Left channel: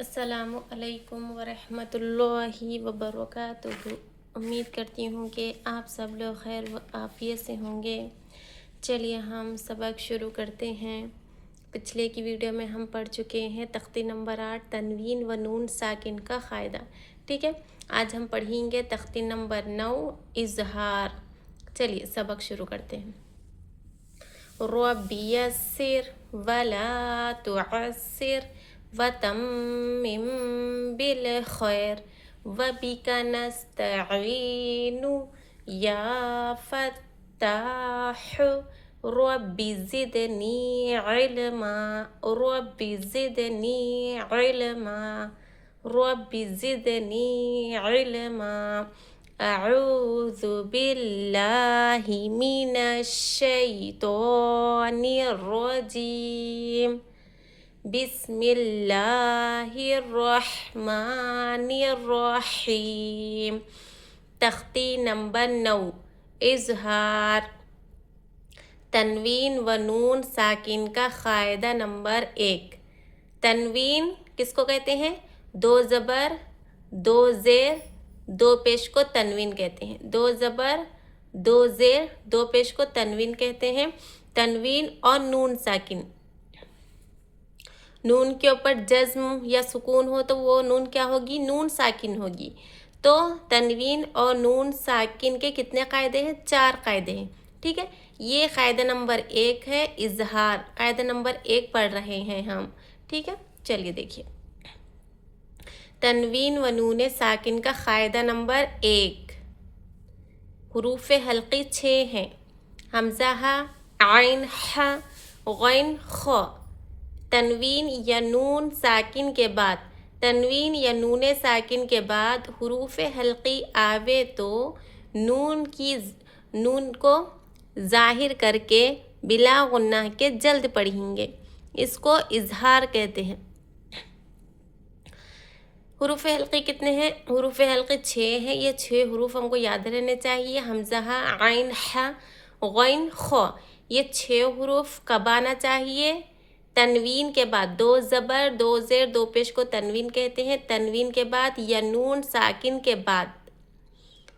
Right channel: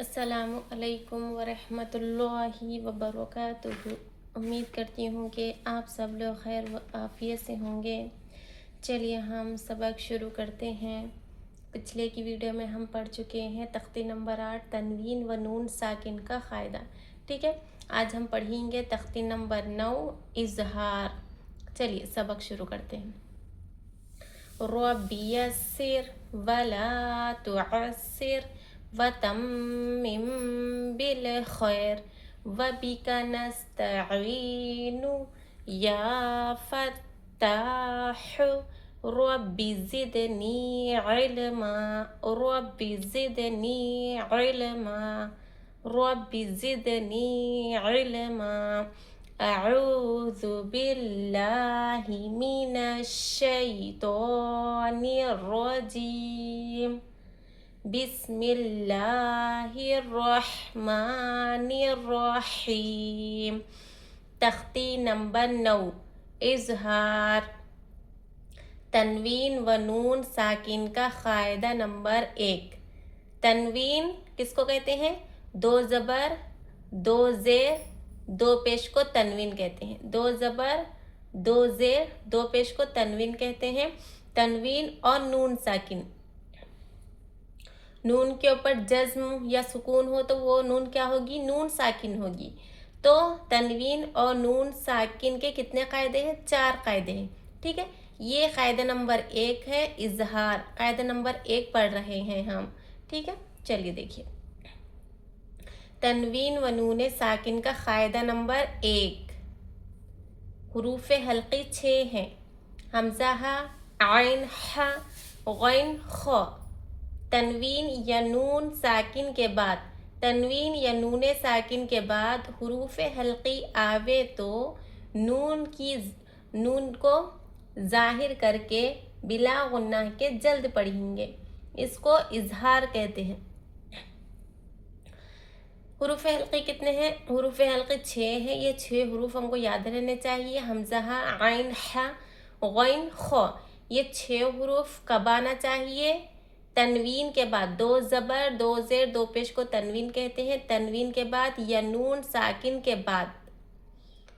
अस्सलामु अलैकुम वरहमतुल्लाहि वबरकातुहू। उम्मीद करती हूँ कि आप सब लोग खैर व आफियत से होंगे। चलिए हम सबक शुरू करते हैं। पिछले की वीडियो में हम पढ़ चुके हैं तख्ती नंबर 8 तनवीन व नून साकिन का क़ायदा। ठीक है, आज हम पढ़ेंगे तख्ती नंबर 9 इजहार। चलिए सबक शुरू करते हैं। रब्बी यस्सिर वला तुअस्सिर वतम्मिम बिल खैर वबिका नस्तईनु या फत्ताह रब्बी ज़िदनी इल्मा रब्बी ज़िदनी इल्मा रब्बि ज़िदनी इल्मा अऊज़ु बिल्लाहि मिनश शैतानिर रजीम बिस्मिल्लाहिर्रहमानिर्रहीम। तख्ती नंबर 9 इजहार। तनवीन व नून साकिन का क़ायदा नंबर 1। तनवीन किसको कहते हैं? दो ज़बर दो ज़ेर दो पेश को तनवीन कहते हैं। दो ज़बर दो ज़ेर दो पेश को तनवीन कहते हैं। तनवीन और नून साकिन, नून के ऊपर जज्म या सुकून हो तो वो नून क्या होगी? नून साकिन होगी। तो तनवीन और नून साकिन के कितने क़ायदे हैं? 4 क़ायदे हैं। ठीक है, ये क़ायदा नंबर 1 है इजहार। क़ायदा नंबर 1 पढ़ रहे हैं हम। ठीक है, चलिए देखिए। तनवीन व नून साकिन का क़ायदा नंबर 1। हुरूफ़ हल्क़ी 6 हैं। हमज़ा हा, आइन हा, गैन ख। तनवीन या नून साकिन के बाद, तनवीन या नून साकिन के बाद हुरूफ़ हल्क़ी आवे तो नून को ज़ाहिर करके बिला गुन्नाह के जल्द पढ़ेंगे। इसको इजहार कहते हैं। हुरूफ़ हल्क़ी कितने हैं? हुरूफ़ हल्क़ी 6 हैं। ये 6 हुरूफ हमको याद रहने चाहिए। हमज़ा हा, आइन हा, गैन ख। ये 6 हुरूफ कब आना चाहिए? तनवीन के बाद। दो ज़बर दो ज़ेर दो पेश को तनवीन कहते हैं। तनवीन के बाद या नून साकिन के बाद,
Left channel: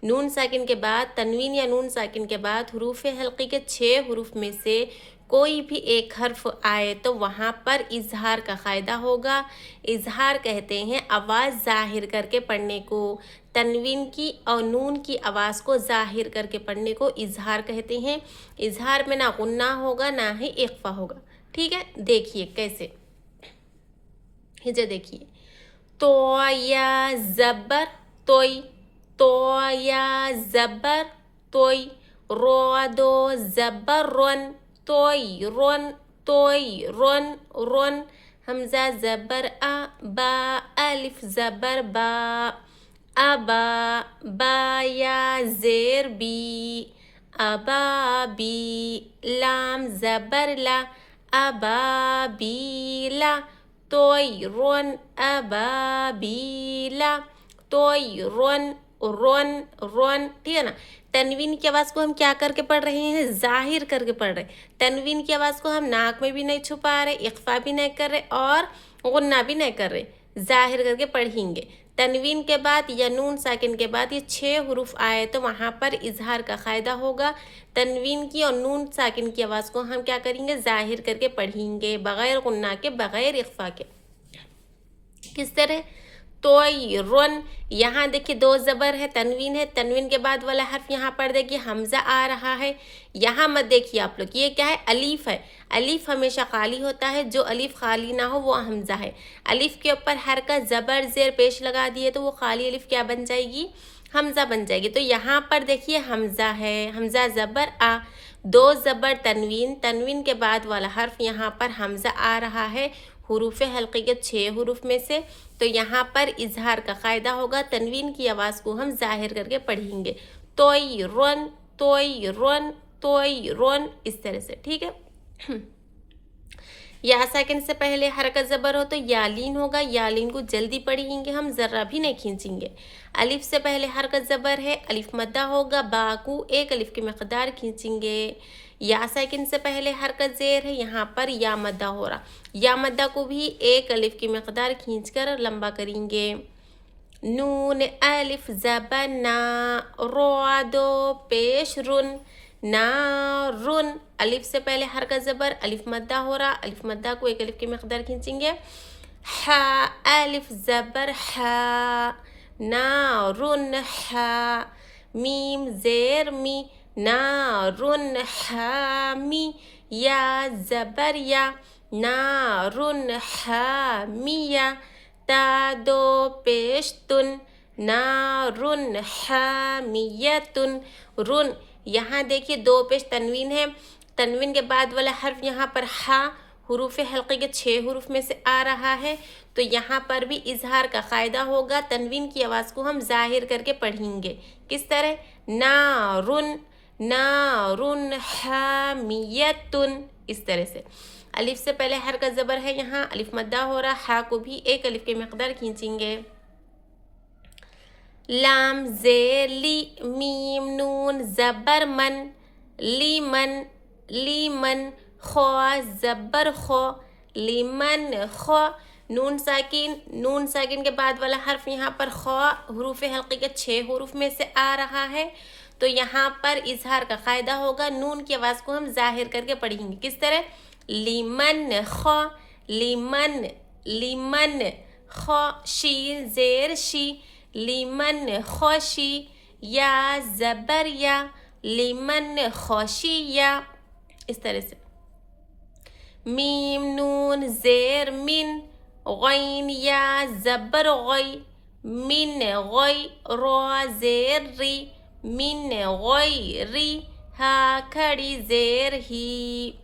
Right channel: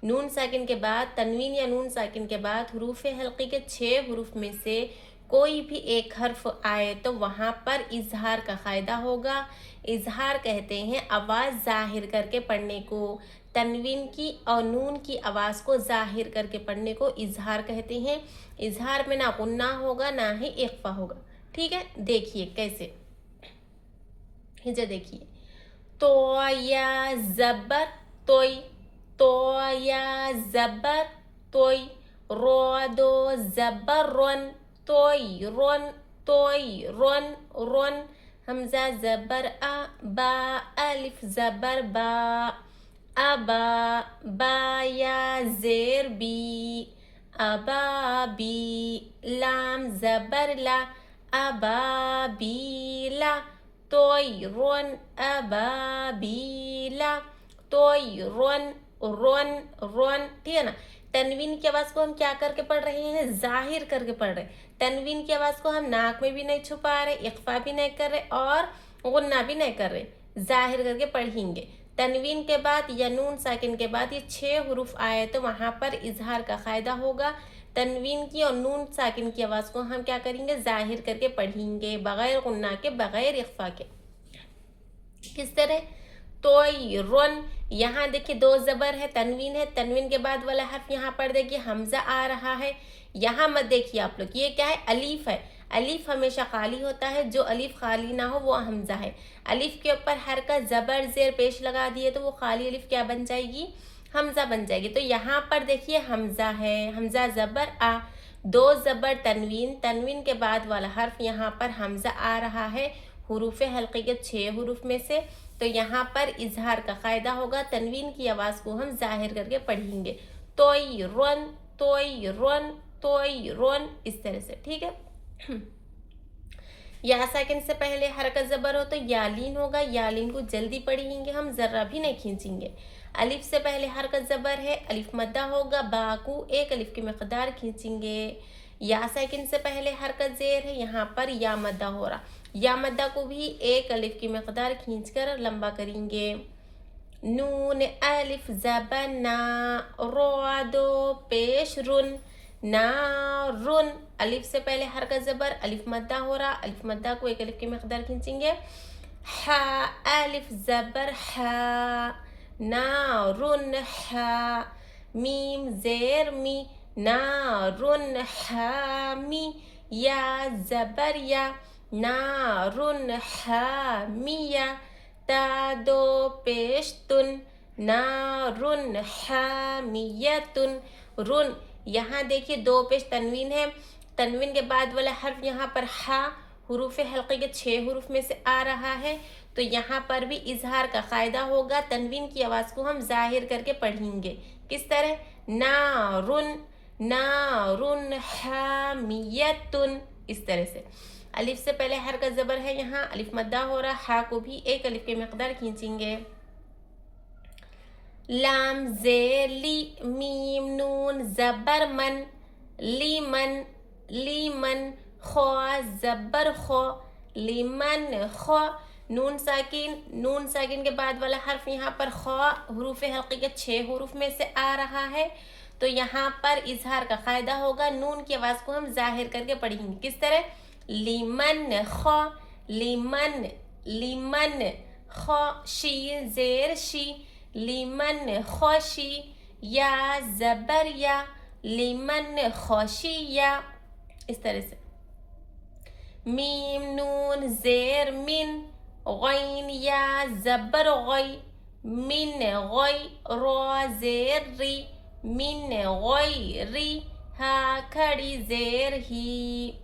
नून साकिन के बाद, तनवीन या नून साकिन के बाद हुरूफ़ हल्क़ी के 6 हुरूफ में से कोई भी एक हर्फ आए तो वहाँ पर इजहार का क़ायदा होगा। इजहार कहते हैं आवाज़ ज़ाहिर करके पढ़ने को। तनवीन की और नून की आवाज़ को ज़ाहिर करके पढ़ने को इजहार कहते हैं। इजहार में ना गुन्ना होगा ना ही इख्फ़ा होगा। ठीक है, देखिए कैसे। हिजा देखिए। तो या ज़बर तोई, तो या ज़बर तोई, रो दो ज़बर रोन, तोई रोन, तोई रोन रोन। हमज़ा ज़बर आ, बा अलिफ ज़बर बा, अबा, बा या ज़ेर बी, अबा बी, लाम ज़बर ला, अबाबीला, तोयरुन अबाबीला, तोयरुन रोन रोन। ठीक है ना। तनवीन की आवाज़ को हम क्या करके पढ़ रहे हैं? ज़ाहिर करके पढ़ रहे हैं। तनवीन की आवाज़ को हम नाक में भी नहीं छुपा रहे, इख्फा भी नहीं कर रहे और गुन्ना भी नहीं कर रहे, ज़ाहिर करके पढ़ेंगे। तनवीन के बाद या नून साकिन के बाद ये 6 हुरूफ आए तो वहाँ पर इजहार का क़ायदा होगा। तनवीन की और नून साकिन की आवाज़ को हम क्या करेंगे? ज़ाहिर करके पढ़ेंगे, बग़ैर गुन्ना के, बग़ैर इख्फा के। किस तरह? तोयरुन, यहाँ देखिए दो ज़बर है, तनवीन है, तनवीन के बाद वाला हर्फ यहाँ पर देखिए हमज़ा आ रहा है। यहाँ मत देखिए आप लोग, ये क्या है? अलीफ है। अलीफ हमेशा खाली होता है, जो अलीफ खाली ना हो वो हमज़ा है। अलीफ के ऊपर हरकत ज़बर ज़ेर पेश लगा दिए तो वो खाली अलीफ क्या बन जाएगी? हमज़ा बन जाएगी। तो यहाँ पर देखिए हमज़ा है, हमज़ा ज़बर आ, दो ज़बर तनवीन, तनवीन के बाद वाला हर्फ यहाँ पर हमज़ा आ रहा है हुरूफ़ हल्क़ी के 6 हुरूफ में से। तो यहाँ पर इजहार का क़ायदा होगा। तनवीन की आवाज़ को हम ज़ाहिर करके पढ़ेंगे, तोयरुन तोयरुन तोयरुन, इस तरह से। ठीक है। या साकिन से पहले हरकत ज़बर हो तो यालीन होगा, यालीन को जल्दी पढ़ेंगे हम, ज़रा भी नहीं खींचेंगे। अलिफ से पहले हरकत ज़बर है, अलिफ मद्दा होगा, बा को एक अलिफ की मकदार खींचेंगे। या साकिन से पहले हरकत ज़ेर है, यहाँ पर या मद्दा हो रहा। या मद्दा को भी एक अलिफ की मकदार खींचकर लंबा करेंगे। नून अलिफ ज़बर ना, रो दो पेश रुन, नारुन। अलिफ से पहले हरकत ज़बर, अलिफ मद्दा हो रहा, अलिफ मद्दा को एक अलिफ की मकदार खींचेंगे। हा अलिफ ज़बर हा, नारुन हा। मीम ज़ेर मी, नारुन हामी। या ज़बर या, नारुन हामिया। ता दो पेश तुन, नारुन हामियतुन। रुन, यहाँ देखिए दो पेश तनवीन है, तनवीन के बाद वाला हर्फ यहाँ पर हा हुरूफ हल्के के 6 हुरूफ में से आ रहा है, तो यहाँ पर भी इजहार का क़ायदा होगा। तनवीन की आवाज़ को हम ज़ाहिर करके पढ़ेंगे। किस तरह? नारुन, नारुन हामियतुन, इस तरह से। अलिफ से पहले हरकत ज़बर है, यहाँ अलिफ मद्दा हो रहा, हा को भी एक अलिफ की मकदार खींचेंगे। लाम ज़ेर ली, मीम नून ज़बर मन, लीमन, लीमन। खो ज़बर खो, लीमन खो। नून साकिन के बाद वाला हर्फ यहाँ पर खो हुरूफ हल्के के 6 हुरूफ में से आ रहा है, तो यहाँ पर इजहार का क़ायदा होगा। नून की आवाज़ को हम ज़ाहिर करके पढ़ेंगे। किस तरह? लिमन खो, लिमन, लिमन खो। शी ज़ेर शी, लिमन खोशी। या ज़बर या, लिमन खोशिया, इस तरह से। मीम नून ज़ेर मिन, गैन या ज़बर गै, मिन गै। रो ज़ेर री, मिन गै री। हा खड़ी ज़ेर ही,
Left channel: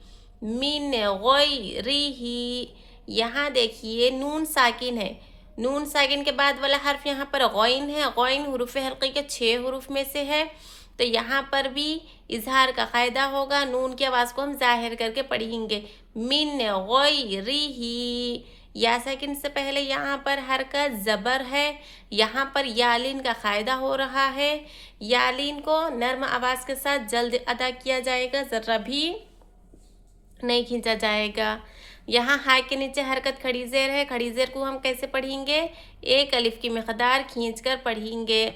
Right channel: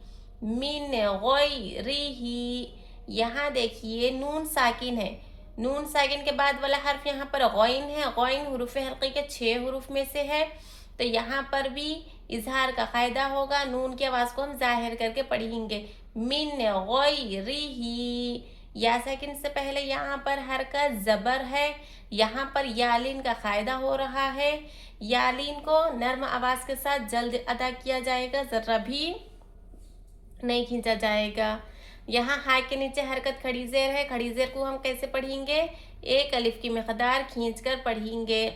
मिन गै री ही। यहाँ देखिए नून साकिन है, नून साकिन के बाद वाला हर्फ यहाँ पर गैन है, गैन हुरूफ हल्के के 6 हुरूफ में से है, तो यहाँ पर भी इजहार का क़ायदा होगा। नून की आवाज़ को हम ज़ाहिर करके पढ़ेंगे। मिन गैरिही। या साकिन से पहले यहाँ पर हरकत ज़बर है, यहाँ पर यालिन का क़ायदा हो रहा है। यालिन को नर्म आवाज़ के साथ जल्द अदा किया जाएगा, ज़रा भी नहीं खींचा जाएगा। यहाँ हा के नीचे हरकत खड़ी ज़ेर है, खड़ी ज़ेर को हम कैसे पढ़ेंगे? एक अलिफ की मकदार खींचकर पढ़ेंगे।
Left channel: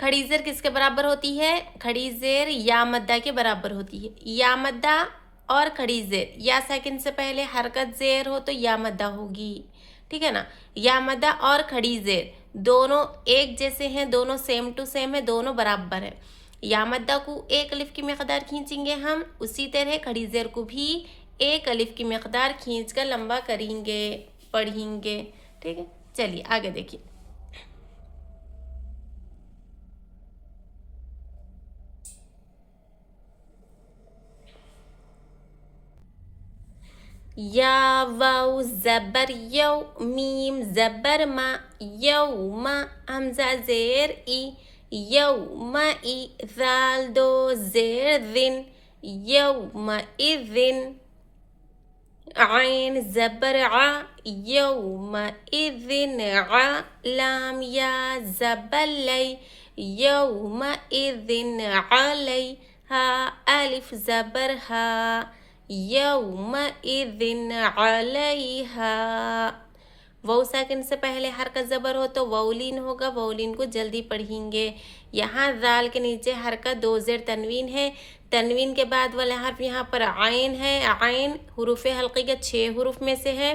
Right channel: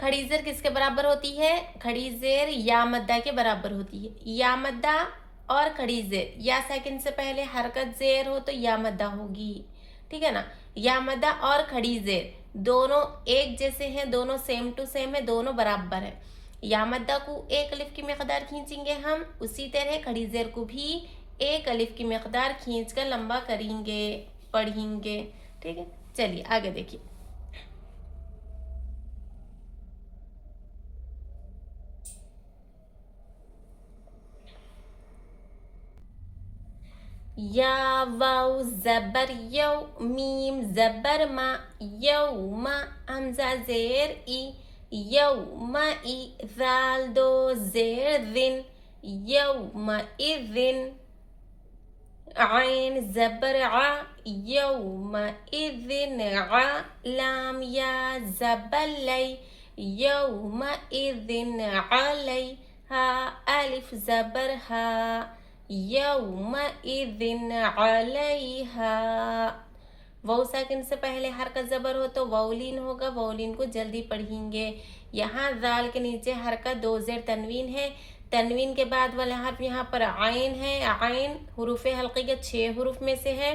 खड़ी ज़ेर किसके बराबर होती है? खड़ी ज़ेर या मद्दा के बराबर होती है। या मद्दा और खड़ी ज़ेर, या साकिन से पहले हरकत ज़ेर हो तो या मद्दा होगी, ठीक है ना। या मद्दा और खड़ी ज़ेर दोनों एक जैसे हैं, दोनों सेम टू सेम है, दोनों बराबर है। या मद्दा को एक अलिफ की मकदार खींचेंगे हम, उसी तरह खड़ी ज़ेर को भी एक अलिफ की मकदार खींचकर लंबा करेंगे, पढ़ेंगे, ठीक है। चलिए आगे देखिए। या वाव ज़बर यौ, मीम ज़बर मा, यौमा। हमज़ा ज़ेर ई, यौमा ई। ज़ाल दो ज़ेर ज़िन, यौमा इज़िन। आइन ज़बर आ, यौमा इज़िन आ। लाम या ज़बर लै, यौमा इज़िन अलै। हा अलिफ ज़बर हा, यौमइज़िन अलैहा। वाव साकिन से पहले हरकत ज़बर हो तो वाउलीन होगा, वाउलीन को जल्दी पढ़ेंगे। यहाँ ज़ाल के नीचे हरकत 2 ज़ेर तनवीन है, तनवीन के बाद वाला हर्फ यहाँ पर आइन है। आइन हुरूफ हल्के के 6 हुरूफ में से है,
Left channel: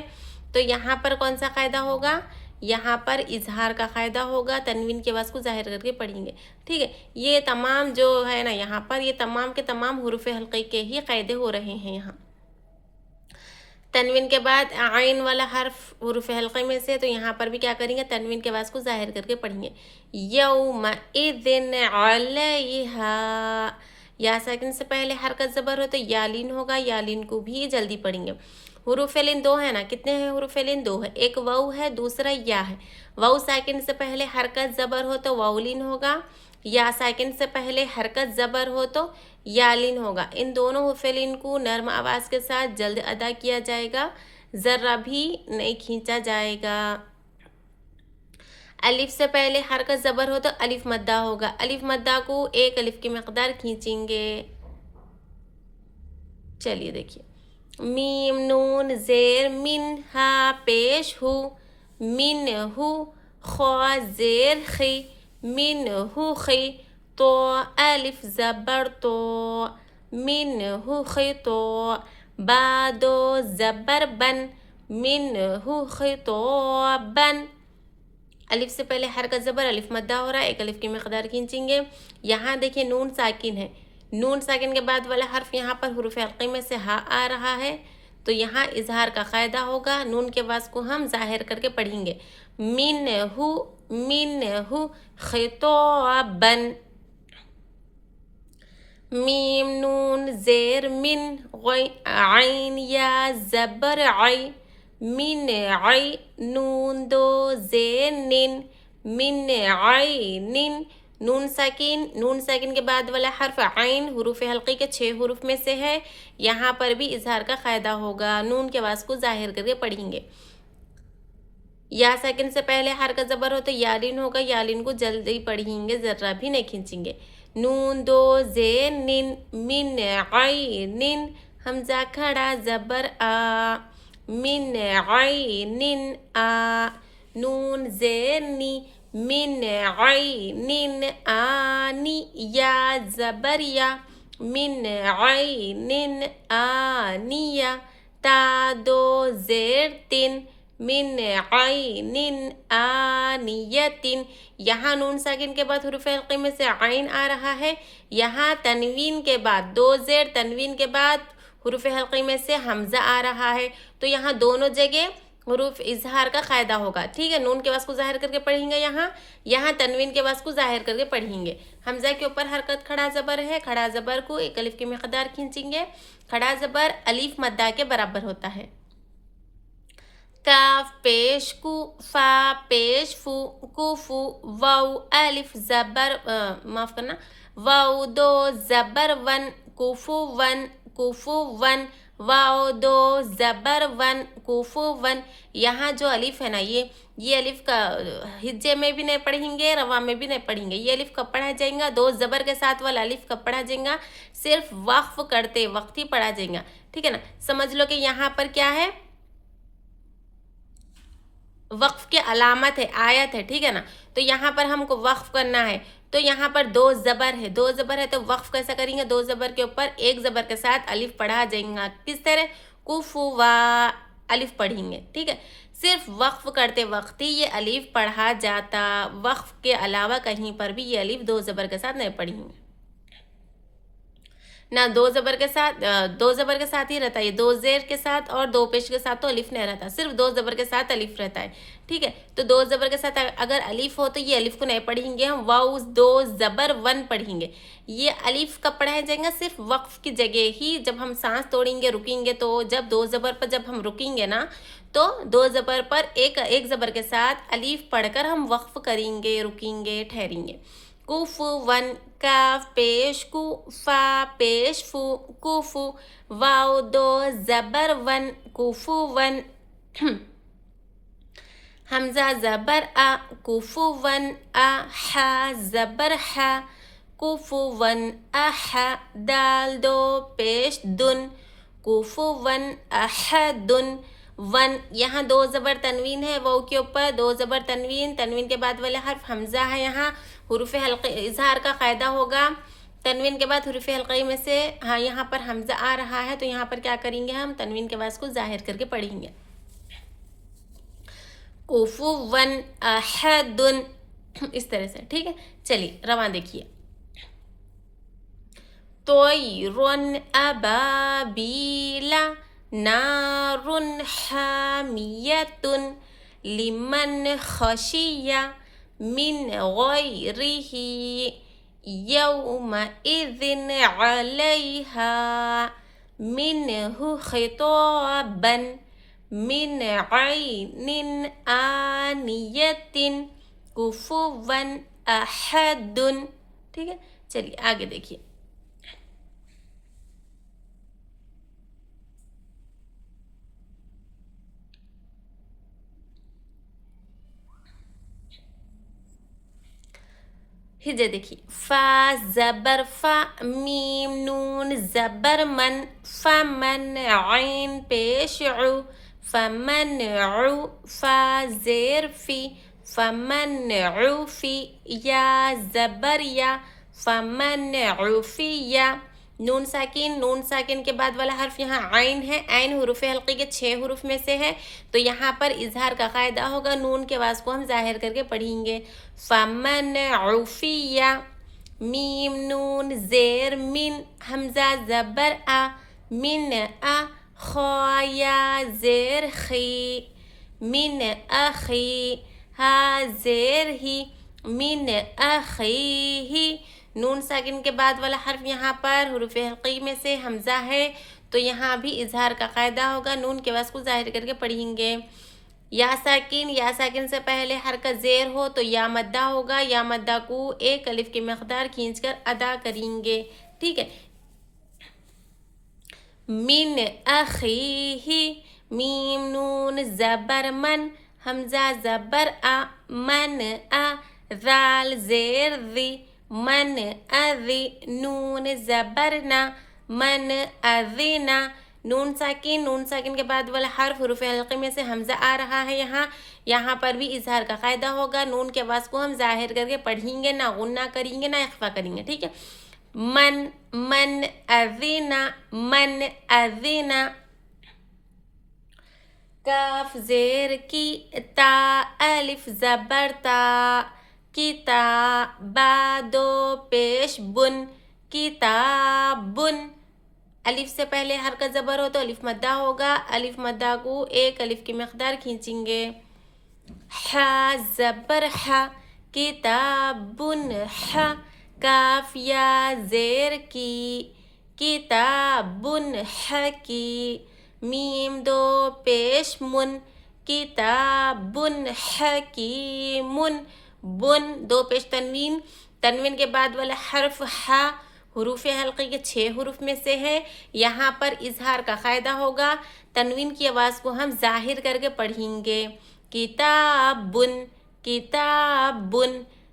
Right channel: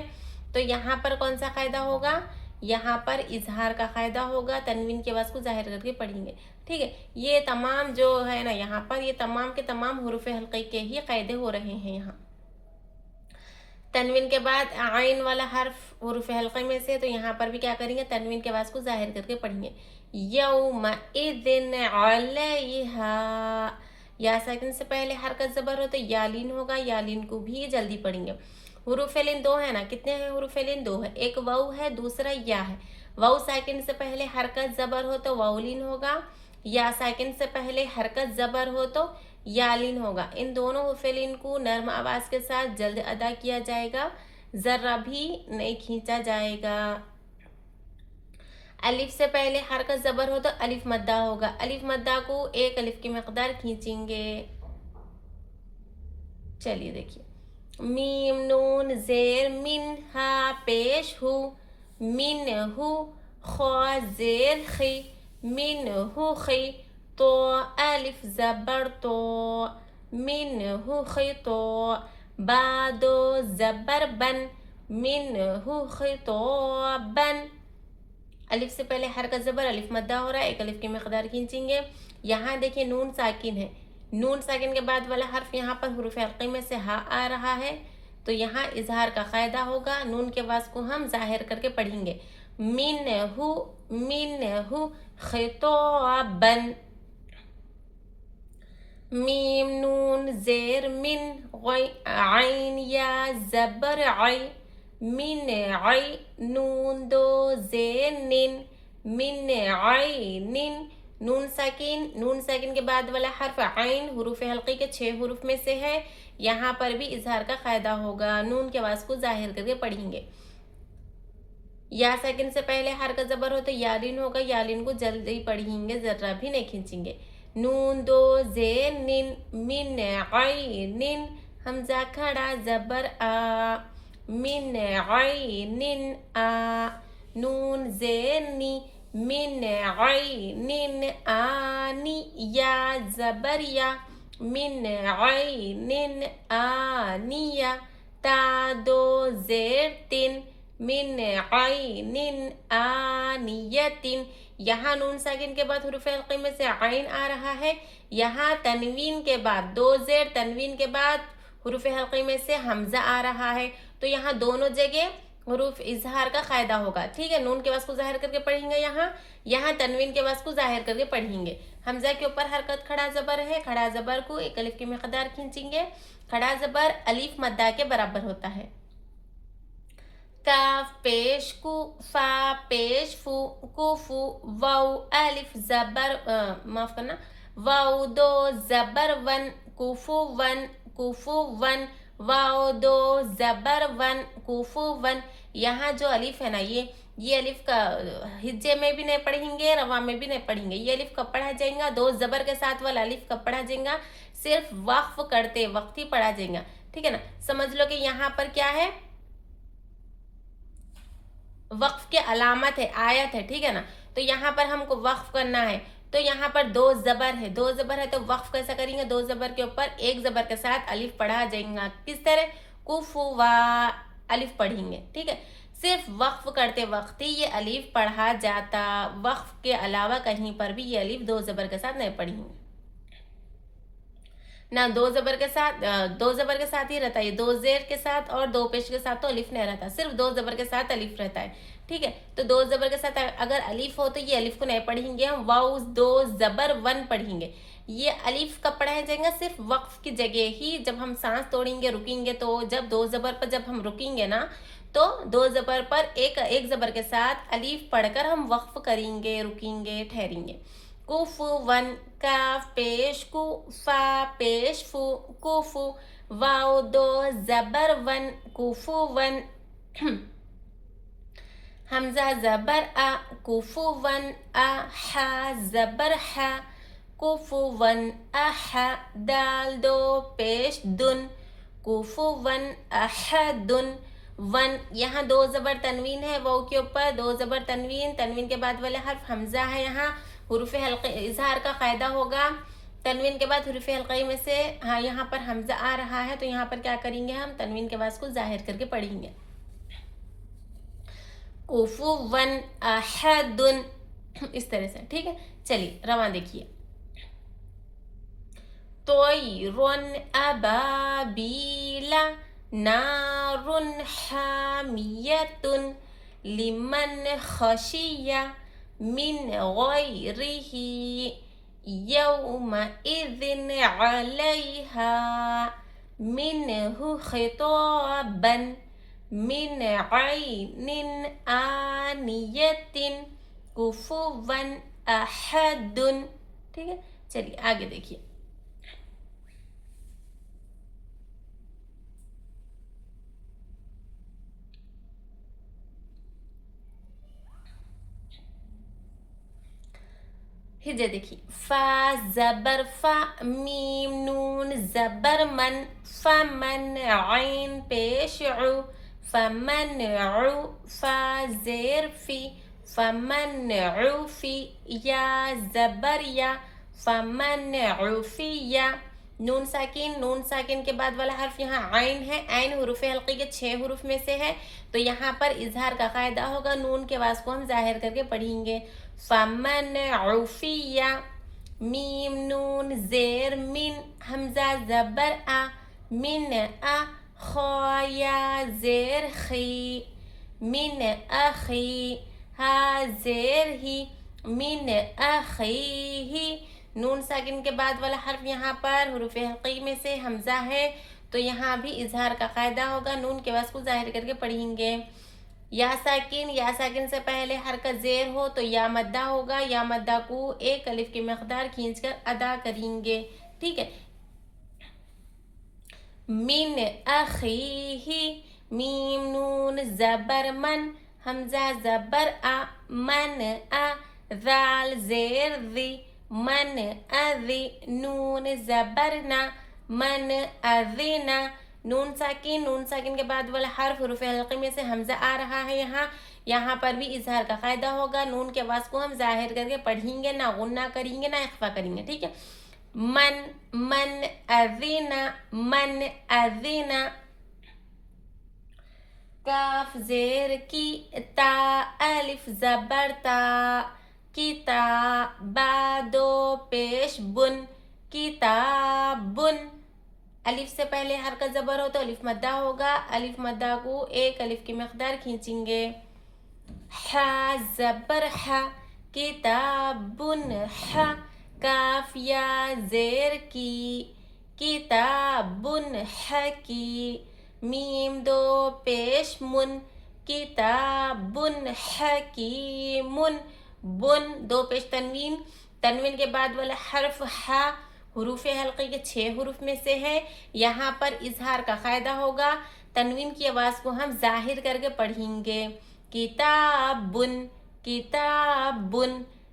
तो यहाँ पर कौन सा क़ायदा होगा? यहाँ पर इजहार का क़ायदा होगा। तनवीन की आवाज़ को ज़ाहिर करके पढ़ेंगे, ठीक है। ये तमाम जो है ना, यहाँ पर ये तमाम के तमाम हुरूफ हल्के के ही क़ायदे हो रहे हैं। यहाँ तनवीन के बाद आइन वाला हर्फ हुरूफ हल्के में से, तो यहाँ पर भी क्या करेंगे? तनवीन की आवाज़ को ज़ाहिर करके पढ़ेंगे। यौमइज़िन अलैहा। या साकिन से पहले हरकत ज़बर हो तो यालीन होगा, यालीन को भी जल्दी पढ़ेंगे। हुरूफ लिन 2 है ना, कितने हैं हुरूफ लिन? 2 है, एक वाव है, दूसरा या है। वाव साकिन से पहले हरकत ज़बर हो तो वाउलिन होगा, या साकिन से पहले हरकत ज़बर हो तो यालिन होगा। इन दोनों हुरूफ लिन को नर्म आवाज़ के साथ जल्द अदा किया जाएगा, ज़रा भी नहीं खींचा जाएगा। अलिफ से पहले हरकत ज़बर हो तो अलिफ मद्दा होगा। अलिफ मद्दा को एक अलिफ की मकदार खींचेंगे। चलिए देखिए, मीम नून ज़ेर मिन हा पेश हु मिन हु ख्वा ज़ेर खी मिन हु खी तो अलिफ ज़बर तो मिन हु खी तो बादो ज़बर बन मिन हु खी तो बन। अलिफ से पहले हरकत ज़बर अलिफ मद्दा हो रहा है, एक अलिफ की मकदार खींचेंगे। यहाँ देखिए नून साकिन है, नून साकिन के बाद वाला हर्फ यहाँ पर हुरूफ हल्क़ी में से हा आ रहा है, तो यहाँ इजहार का क़ायदा होगा। नून के वास को हम ज़ाहिर करके पढ़ेंगे। मिन हु खिताबन। मीम नून ज़ेर मिन आइन या ज़बर आई मिन आई नून दो ज़ेर निन मिन आई निन। नून साकिन के बाद वाला हर्फ आइन हुरूफ हल्की के 6 हुरूफ में से है। यहाँ पर भी इजहार का क़ायदा होगा। नून के वास को ज़ाहिर करके पढ़ेंगे। या साकिन से पहले हरकत ज़बर हो तो यालिन होगा। यालिन को जल्दी पढ़ेंगे, ज़र्रा भी नहीं खींचेंगे। नून दो ज़ेर निन मिन आई निन हमज़ा खड़ा ज़बर आ मिन आई निन आ। नून ज़ेर नी मिन आई निन आनी या ज़बर या मिन आई निन आनिया। ता दो ज़ेर तिन मिन आइनिन आनियतिन। यहाँ नून साकिन के बाद हुरूफ हल्क़ी में से आइन आ रहा है। यहाँ तनवीन के बाद दो ज़ेर तनवीन के बाद हुरूफ हल्क़ी में से हमज़ा आ रहा है, तो यहाँ दोनों जगह हुरूफ इजहार का क़ायदा होगा। ठीक है, नून के वास को ज़ाहिर करके पढ़ेंगे। यहाँ तनवीन के वास को ज़ाहिर करके पढ़ेंगे। हमज़ा के ऊपर हरकत खड़ा ज़बर है, खड़ा ज़बर को एक अलिफ की मकदार खींचेंगे। खड़ा ज़बर अलिफ मद्दा के बराबर होता है। काफ पेश कु फा पेश फू कुफू वाउ अलिफ ज़बर माफ़ करना वाउ दो ज़बर वन कुफू वन वाउ दो ज़बर वन कुफू वन। यहाँ जो अलिफ है ना, ये अलिफ का हिज्जे में भी नहीं पढ़ेंगे, रवा में भी नहीं पढ़ेंगे। ये अलिफ कब पढ़ा जाएगा? दो ज़बर के साथ वाला अलिफ कब पढ़ा जाएगा? सिर्फ वक्फ करते वक्त ही पढ़ा जाएगा। ठीक है ना, समझ लो कि यहाँ पर क्या है, वक्फ के अलामत है, आयत है। ठीक है ना, तो यहाँ पर हमको वक्फ करना है, तो यहाँ पर दो ज़बर है, तो वक्फ कैसा करेंगे? दो ज़बर के ऊपर एक ज़बर के साथ अलिफ पढ़ा जाएगा। किस तरह? कुफू वा अलिफ पढ़ेंगे। ठीक है, सिर्फ वक्फ करते वक्त ही ये अलिफ पढ़ा जाता, वक्फ के अलावा कहीं पर भी ये अलिफ दो ज़बर के साथ नहीं पढ़ेंगे ना। दो ज़बर के साथ ही रहता है। ये दो ज़ेर के साथ और दो पेश के साथ तो अलिफ नहीं रहता, सिर्फ दो ज़बर के साथ अलिफ रहता है। ठीक है, तो दो ज़बर के साथ अगर अलिफ हो तो ये अलिफ को नहीं पढ़ेंगे हम, वाउ दो ज़बर वन पढ़ेंगे। ये अलिफ कब पढ़ाया जाएगा? सिर्फ वक्फ की जगह ही, जब हम सांस तोड़ेंगे रुकेंगे, तो जब दो ज़बर पर जब हम रुकेंगे ना, तो दो ज़बर पर एक ज़बर के साथ अलिफ पढ़कर हम वक्फ करेंगे, रुकेंगे, ठहरेंगे। कुफू वन काफ पेश कु फा पेश फू कुफू वाउ दो ज़बर वन कुफू वन। हमज़ा ज़बर आ कुफू वन आ हा ज़बर हा कुफू वन अहा। दाल दो पेश दुन कुफू वन अहदुन वन। यहाँ दो ज़बर तनवीन है, वो के ऊपर दो ज़बर तनवीन के बाद वाले हर्फ हमज़ा है। यहाँ हुरूफ हल्क़ी इजहार का क़ायदा होगा। तनवीन के बाद हुरूफ हल्क़ी में से हाँ यहाँ पर हमज़ा आ रहा है, तो यहाँ पर क्या करेंगे हम? तनवीन के वास को ज़ाहिर करके पढ़ेंगे। कुफू वन अहदुन, इस तरह से। ठीक है, चलिए रवा देखिए। तोयरुन अबाबीला नारुन हामियतुन लिमन खशिया मिन गैरिही यौमइज़िन अलैहा मिनहु खिताबन मिन ऐनिन आनियतिन कुफुवन अहदुन। ठीक है, चलिए आगे देखिए। ہجے دیکھیے فا زبر فا میم نون زبر من فمن عین پیش عو فمن عو فا زیر فی فمن عوفی یا زبر یا فمن عوفی نون ساکن کے بعد والا حرف یہاں عین ہے. عین حروف حلقی کے 6 حروف میں سے ہے تو یہاں پر اظہار کا قاعدہ ہوگا. نون کے آواز کو ہم ظاہر کر کے پڑھیں گے. فمن عوفی میم نون زیر من حمزہ زبر من خا یا زیر خی من اخی ہا زیر ہی من اخیہ. نون ساکن کے بعد والا حرف یہاں پر حروف حلقی میں سے حمزہ ہے تو یہاں بھی اظہار کا قاعدہ ہوگا. نون کے آواز کو ظاہر کر کے پڑھیں گے. یا ساکن سے پہلے حرکت زیر ہو تو یا مدہ ہوگا. یا مدہ کو ایک الف کی مقدار کھینچ کر ادا کریں گے. ٹھیک ہے. من اخیہ میم نون زبر من حمزہ زبر من ذال زیر ذی من اذی نون زبرنا من اذینا. نون ساکن کے بعد والا حرف حروف حلقی میں سے حمزہ آ رہا ہے. یہاں پر بھی اظہار کا قاعدہ ہوگا. نون کے آواز کو ہم ظاہر کر کے پڑھیں گے, نہ غنہ کریں گے نہ اخفا کریں گے. ٹھیک ہے. من اذینا کاف زیر کی تا الف زبر تا کتا با دو پیش بن کتابن. الف سے پہلے حرکت زبر ہو تو الف مدہ ہوگا. الف مدہ کو ایک الف کی مقدار کھینچیں گے. ح زبر ح کتابن ح کاف یا زیر کی کتابن حکی میم دو پیش من کتابن حکیمن بن دو پیش تنوین کے بعد والا حرف ح حروف حلقی کے 6 حروف میں سے ہے. یہاں پر اظہار کا قاعدہ ہوگا. تنوین کی آواز کو ہم ظاہر کر کے پڑھیں گے. کتابن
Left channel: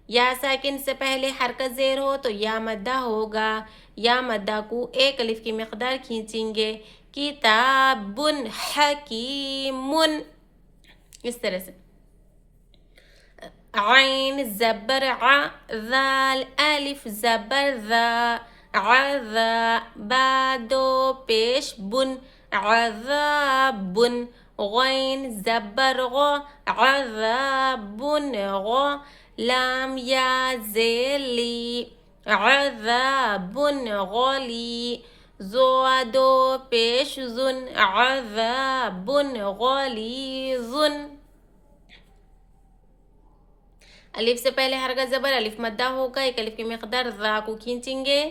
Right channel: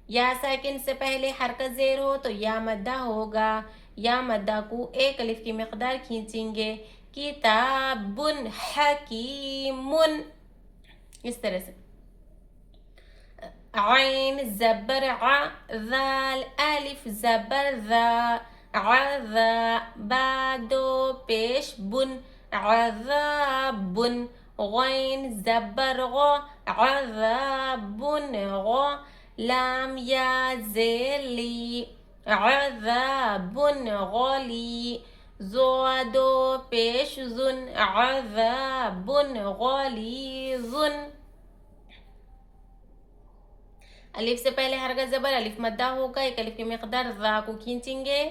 یا ساکن سے پہلے حرکت زیر ہو تو یا مدہ ہوگا. یا مدہ کو ایک الف کی مقدار کھینچیں گے. کتابن حکیمن. اس طرح سے عین زبر ع ذال الف زبر ذا عذا با دو پیش بن عذابن غین زبر غ عذابن غ لام یا زیر لی عذابن غلی زو دو پیش زن عذابن غلیظن. الف سے پہلے حرکت زبر الف مدہ ہوگا. ایک الف کی مقدار ذا کو کھینچیں گے.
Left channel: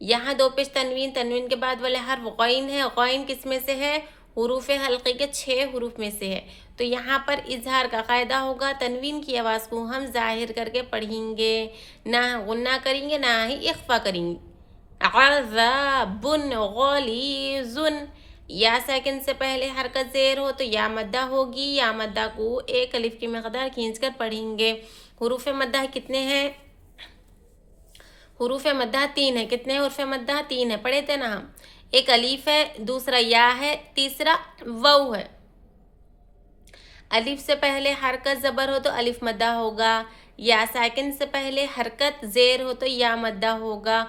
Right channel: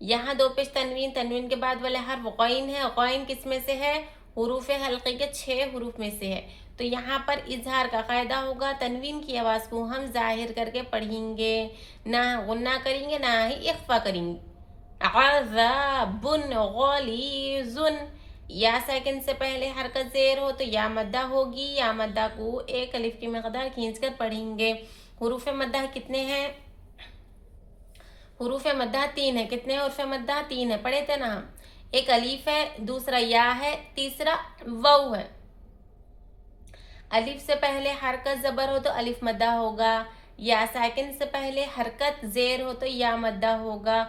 یہاں دو پیش تنوین کے بعد والے حرف غین ہے. غین کس میں سے ہے؟ حروف حلقی کے 6 حروف میں سے ہے. تو یہاں پر اظہار کا قاعدہ ہوگا. تنوین کی آواز کو ہم ظاہر کر کے پڑھیں گے, نہ غنہ کریں گے نہ ہی اخفا کریں گے. عذابن غلیظن. یا ساکن سے پہلے حرکت زیر ہو تو یا مدہ ہوگی. یا مدہ کو ایک الف کی مقدار کھینچ کر پڑھیں گے. حروف مدہ کتنے ہیں؟ حروف مدہ 3 ہے. کتنے حروف مدہ؟ 3 ہے. پڑھے تھے نا ہم. ایک الف ہے, دوسرا یا ہے, تیسرا واو ہے. الف سے پہلے حرکت زبر ہو تو الف مدہ ہوگا. یا ساکن سے پہلے حرکت زیر ہو تو یا مدہ ہوگا.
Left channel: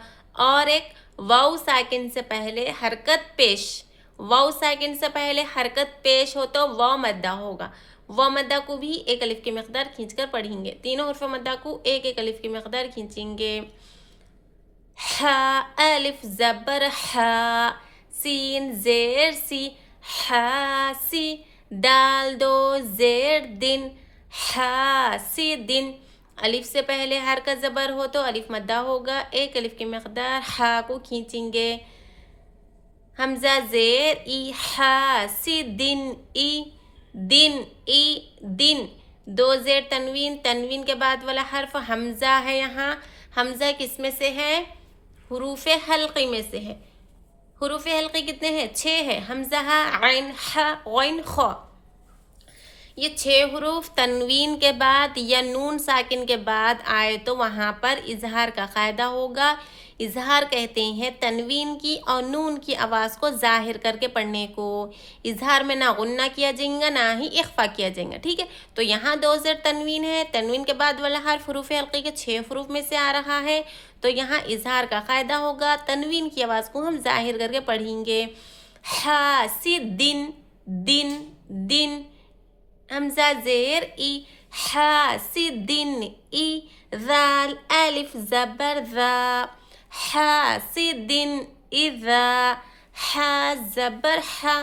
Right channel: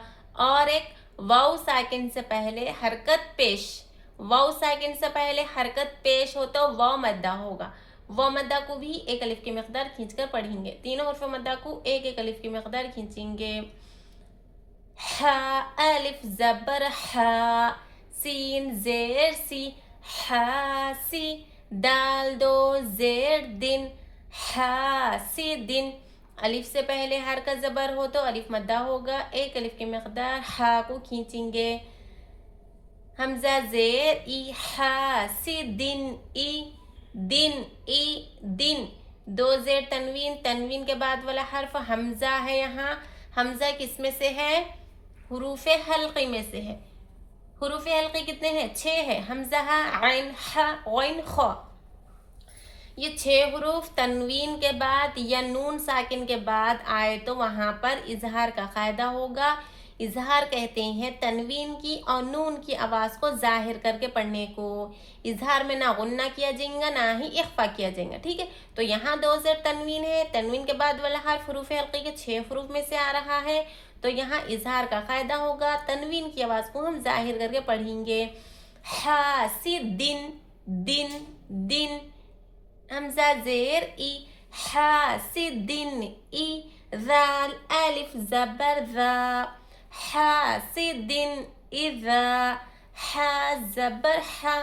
اور ایک واو ساکن سے پہلے حرکت پیش. واو ساکن سے پہلے حرکت پیش ہو تو واو مدہ ہوگا. واو مدہ کو بھی ایک الف کی مقدار کھینچ کر پڑھیں گے. تینوں حروف مدہ کو ایک ایک الف کی مقدار کھینچیں گے. ح الف زبر ح سین زیر سی حاسی دال دو زیر دن حاسدن. الف سے پہلے حرکت زبر ہو تو الف مدہ ہوگا. ایک الف کی مقدار ح کو کھینچیں گے. حمزہ زیر ای حاسدن ای دن ای دن. دو زیر تنوین کے بعد والا حرف حمزہ ہے. یہاں حمزہ کس میں سے ہے؟ حروف حلقی میں سے ہے. حروف حلقی کتنے ہیں؟ 6 ہے. حمزہ عین ح غین خ. یہ 6 حروف تنوین کے بعد یا نون ساکن کے بعد آئے تو وہاں پر اظہار کا قاعدہ ہوگا. اظہار کہتے ہیں تنوین کی اور نون کی آواز کو ظاہر کر کے پڑھنے کو. اظہار میں نہ غنہ کیا جائے گا نہ ہی اخفا کیا جائے گا. ٹھیک ہے، تو یہاں 2 زیر تنوین ہے، تنوین کے بعد والا حرف حروف حلقی کے 6 حروف میں سے آ رہا ہے، تو یہاں اظہار کا قاعدہ ہوگا، تنوین کی آواز کو ہم ظاہر کر کے پڑھیں گے. حاسدن، دن دن، حمزہ زیر ای، حاسدن ای، ذال الف زبر ذا، حاسدن اذا، ح زبر ح،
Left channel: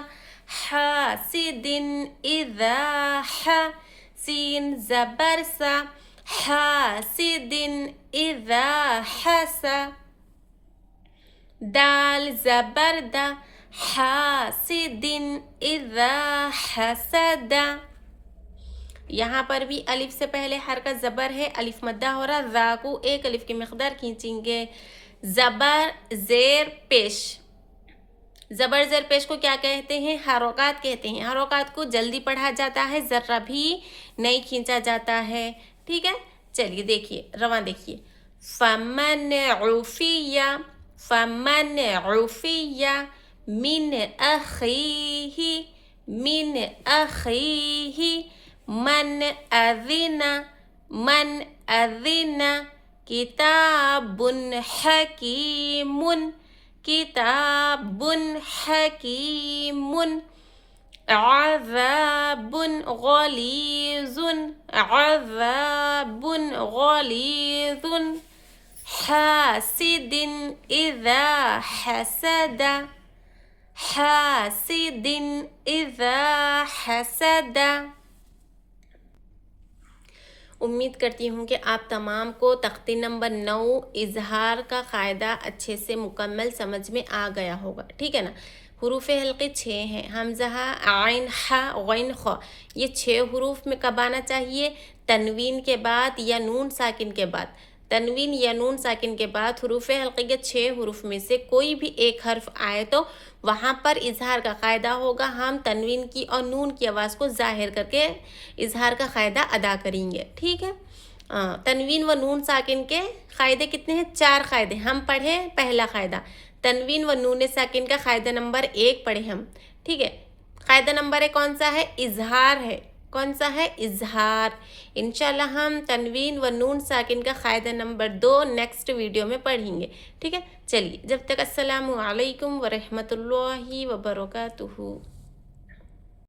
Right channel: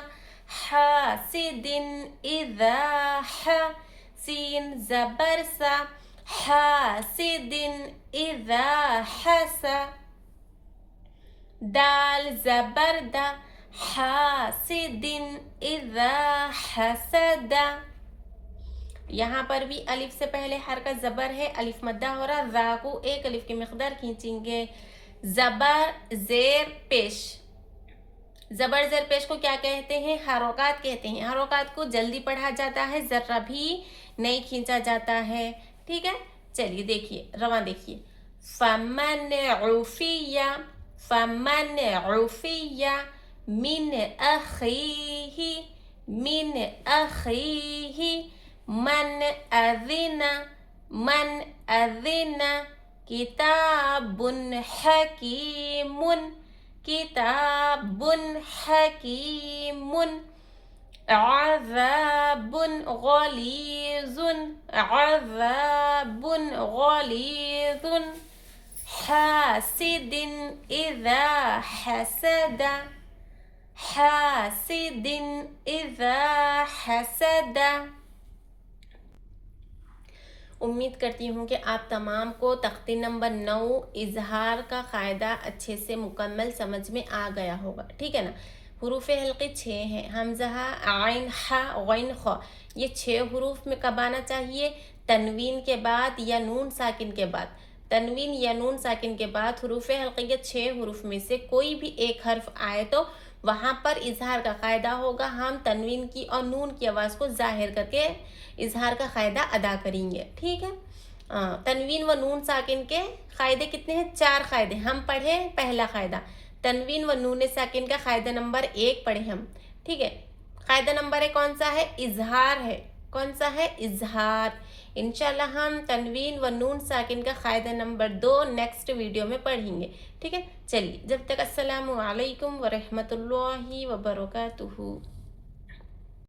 حاسدن اذا ح، سین زبر سا، حاسدن اذا حس، دال زبر دا، حاسدن اذا حسد. یہاں پر بھی الف سے پہلے حرکت زبر ہے، الف مدہ ہو رہا، ذا کو ایک الف کی مقدار کھینچیں گے. زبر زیر پیش، زبر زیر پیش کو کیا کہتے ہیں؟ حرکات کہتے ہیں. حرکات کو جلدی پڑھا جاتا ہے، ذرہ بھی نہیں کھینچا جاتا ہے. ٹھیک ہے، چلیے دیکھیے رواں دیکھیے. فمن عفی، فمن عفی من اخیہ، من اخیہ، من اذن، من اذن، کتاب حکیم، کتاب حکیم، عذاب غلیظ، عذاب غلیظ، حاسد اذا حسد، حاسد اذا حسد. امید کرتی ہوں کہ آپ تمام کو تختی نمبر 9 اظہار کا قاعدہ اچھے سے مکمل سمجھ میں آ گیا ہوگا. ٹھیک ہے نا. حروف حلقی 6 ہیں، حمزہ، عین، ح، غین، خ. یہ 6 حروف میں کب آنا چاہیے؟ تنوین کے بعد یا نون ساکن کے بعد. تنوین یا نون ساکن کے بعد حروف حلقی کے 6 حروف میں سے کوئی بھی ایک حرف آئے تو وہاں پر اظہار کا قاعدہ ہوگا. ہم تنوین کی اور نون کی آواز کو ظاہر کر کے اظہار کا قاعدہ ادا کریں گے. ٹھیک ہے، تنوین و نون ساکن کے قاعدے کتنے ہیں؟ 4 قاعدے. ہم پڑھیں پہلا قاعدہ تنوین و نون ساکن کا قاعدہ نمبر 1 پڑھیں ہم. ٹھیک ہے، قاعدہ نمبر 1 کون سا ہے؟ اظہار ہے. کون سا ہے؟ اظہار. انشاءاللہ ہم تنوین و نون ساکن کا قاعدہ نمبر 2 نیکسٹ ویڈیو میں پڑھیں گے. ٹھیک ہے، چلیے جب تک السلام علیکم ورحمۃ اللہ وبرکاتہ.